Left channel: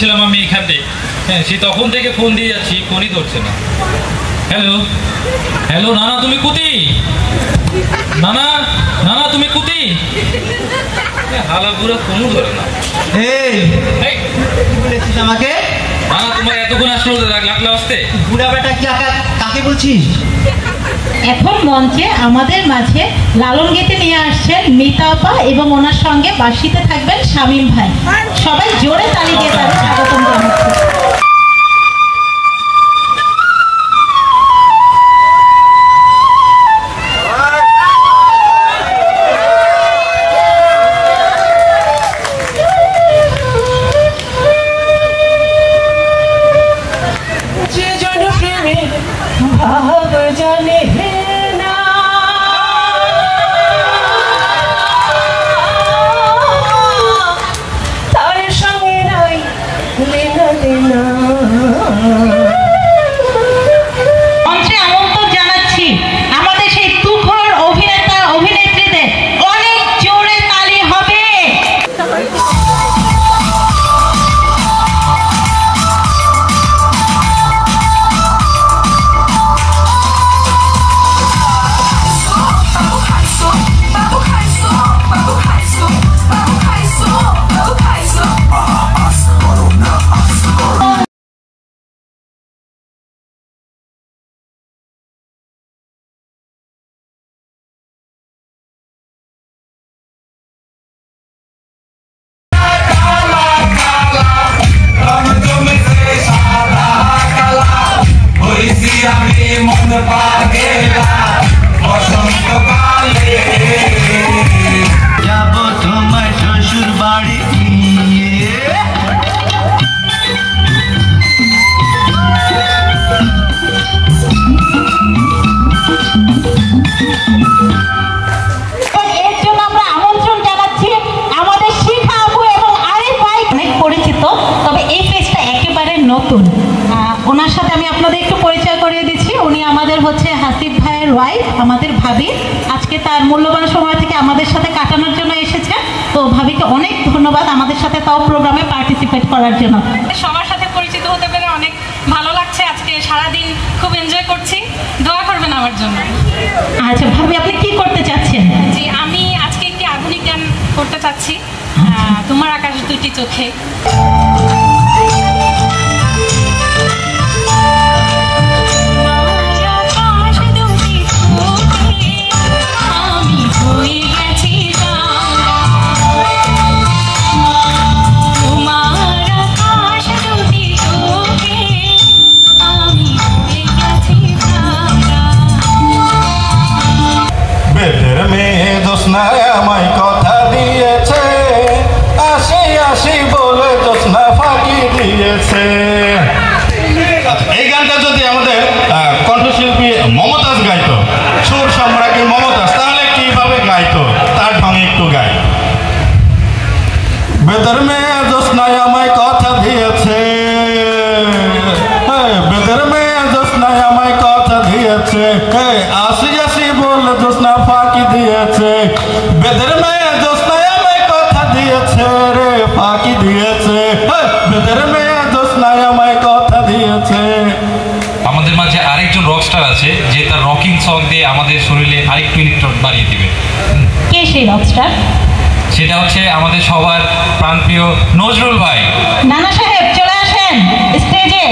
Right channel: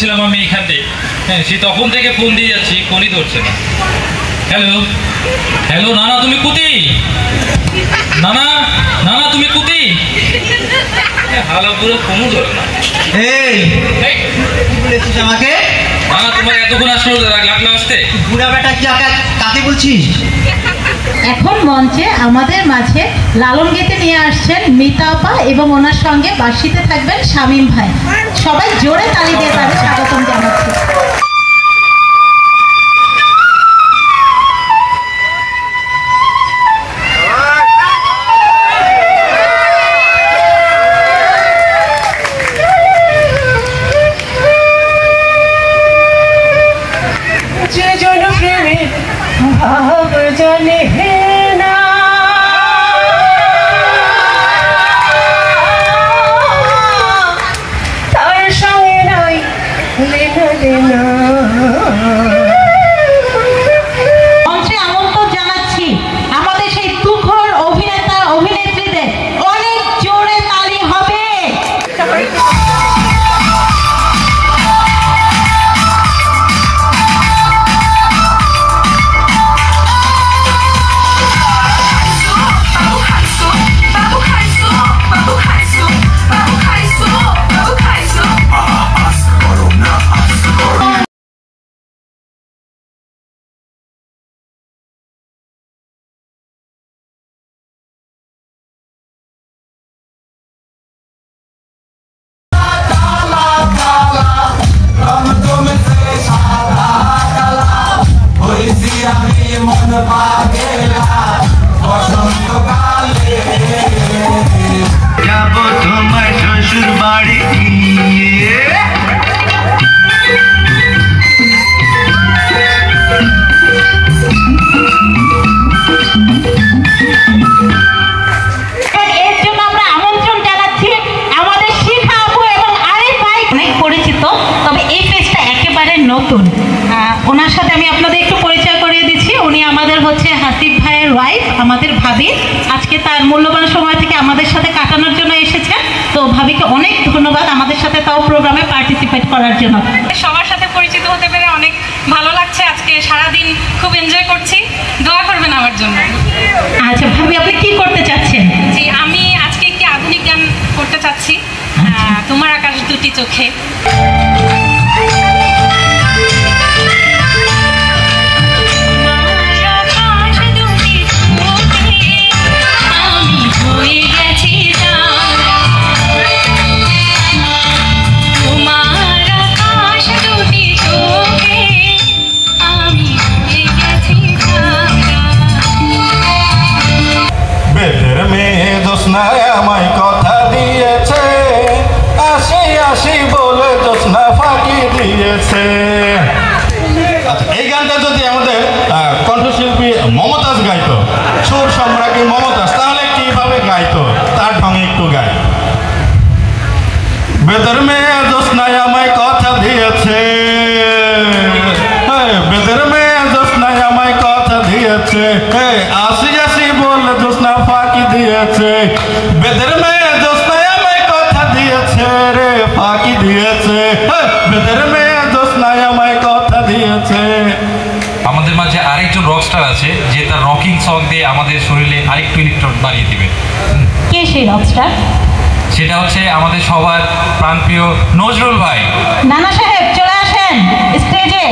ছিলাম আমি এখানে, হ্যাঁ সে তখন থেকে ফোন দিয়ে যাচ্ছি, ফোনই ধরছে না। হ্যালো হ্যালো, নানা তুমি কুতি? নানা নানা তুমি কুতি? হালা পুরো ফোনও ধরে না। এই আমাকে নানা তোমার এতক্ষণ আসলে লাগলো আসতে? বুড়া বেটা কি কাকে বলছিস? এখন মঞ্চে আমাদের মাঝে লালন গীতে নিয়ে আসছেন মিতা আপা এবং ওনার সঙ্গে বাঁশিতে থাকবেন শামীম ভাই। সবাই জোরে তালি দিয়ে তাদের স্বাগতম জানাচ্ছি। মঞ্চে আমন্ত্রণ জানাচ্ছি আমাদের সেই তুখর অভিনেতা অভিনেত্রীদের। অনেক জোরে তালি হবে। ওনার সাথে আমি আপনাদের একটু পরিচয় করিয়ে দিচ্ছি। উনি আমাদের হচ্ছে হাসিব ভাইয়ের ওয়াইফ, আমাদের ভাবি। আজকে তার মূল্যবান সময় থেকে আমাদের সাথে কাটানোর জন্য এসেছেন। তো ভাবিকে অনেক ধন্যবাদ আমাদের সাথে তাও প্রোগ্রামে পার্টিসিপেট করার জন্য। সবার সাথে পরিচিত হতে পেরে অনেক ভালো লাগছে। আজকে সারাদিন খুব এনজয় করছি, দোয়া করবেন আমার জন্য। আচ্ছা ভাবি, আপনি কি করতে চাচ্ছেন? জি, আমি আজকে একটি আধুনিক গান করতে চাচ্ছি, তোমার আকাশ দুটি চোখে। এই গানটা যদি আমাদের কণ্ঠশিল্পী মমতাজ গাইতো, সুর সম্রাজ্ঞী মমতাজ, তাহলে কিভাবে গাইতো তার ঢঙে একটু গাই। বেদের মেয়ে জোৎস্নায় আমায় কথা দিয়েছে, বেদের মেয়ে জোৎস্নায় আমায় কথা দিয়েছে, আসি আসি বলে জোৎস্না ফাঁকি দিয়েছে। বেদের মেয়ে জোৎস্নায় আমায় কথা দিয়েছে রে, ফাঁকি দিয়েছে। বেদের মেয়ে জোৎস্নায় আমায় কথা দিয়েছে। আমাদের মাঝে আরেকজন রকস্টার আছে যে তার রকিং সং দিয়ে আমাদের শরীরে আরেকটু ইলেকট্রন বাড়িয়ে দিবে। কে সেই রকস্টার? সেটা হচ্ছে আমাদের সবার প্রাণপ্রিয় নজরুল ভাই। নানা সাহেব চলে আসেন স্টেজে।